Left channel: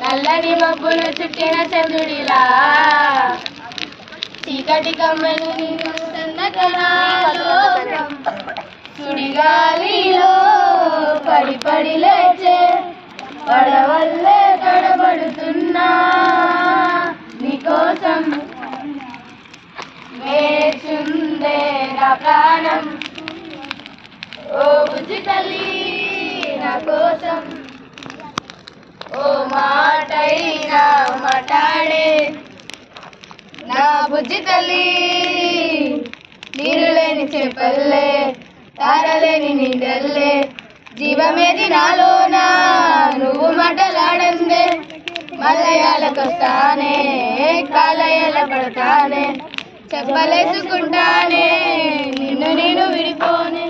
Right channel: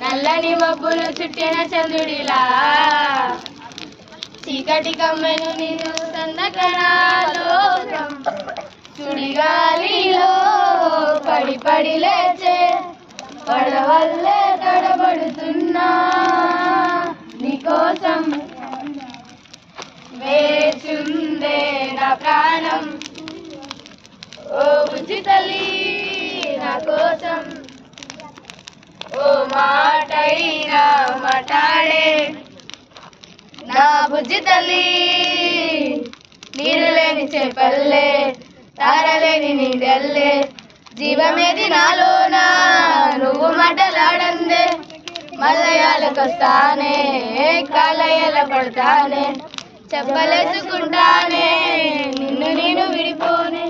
నల్లని మబ్బులు చుట్టిన చంద్రుడిలా చీకటి కమ్మను నిన్ను సన్నకరాలో సుడిగాలిలో పడి పడి లేచే పడవల్లే తడబడుతున్నా నీకోసం వేచుందే నా ప్రాణం ఓ బుజ్జి తల్లి నా కోసం ఓ మాటైనా మాట్లాడే నా బుజ్జి తల్లి నీరు లేని చేపల్లే తారలేని నీడల్లే జీవమేది నాలోనా నువ్వు మాటలాడందే మల్లయాలకొస్తానే కాలయాల పడతానే చెప్పలేసుకుంటానే నిన్ను నేను విడిపోనే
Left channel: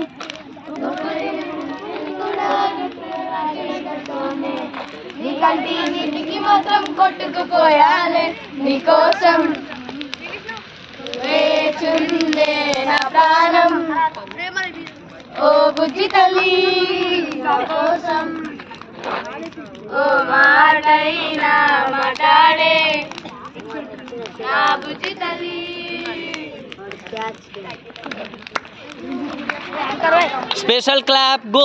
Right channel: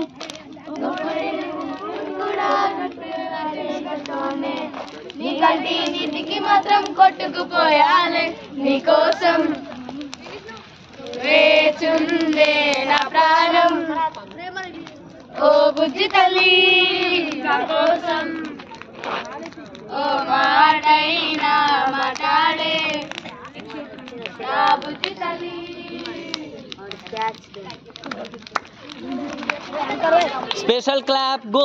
నీ కంటి నీటికి మాత్రం కొట్టుకుపోయాలే నీకోసం వేచుందే నా ప్రాణం ఓ బుజ్జి తల్లి నా కోసం ఓ మాటైనా మాట్లాడే నా బుజ్జి తల్లి Special clap, go.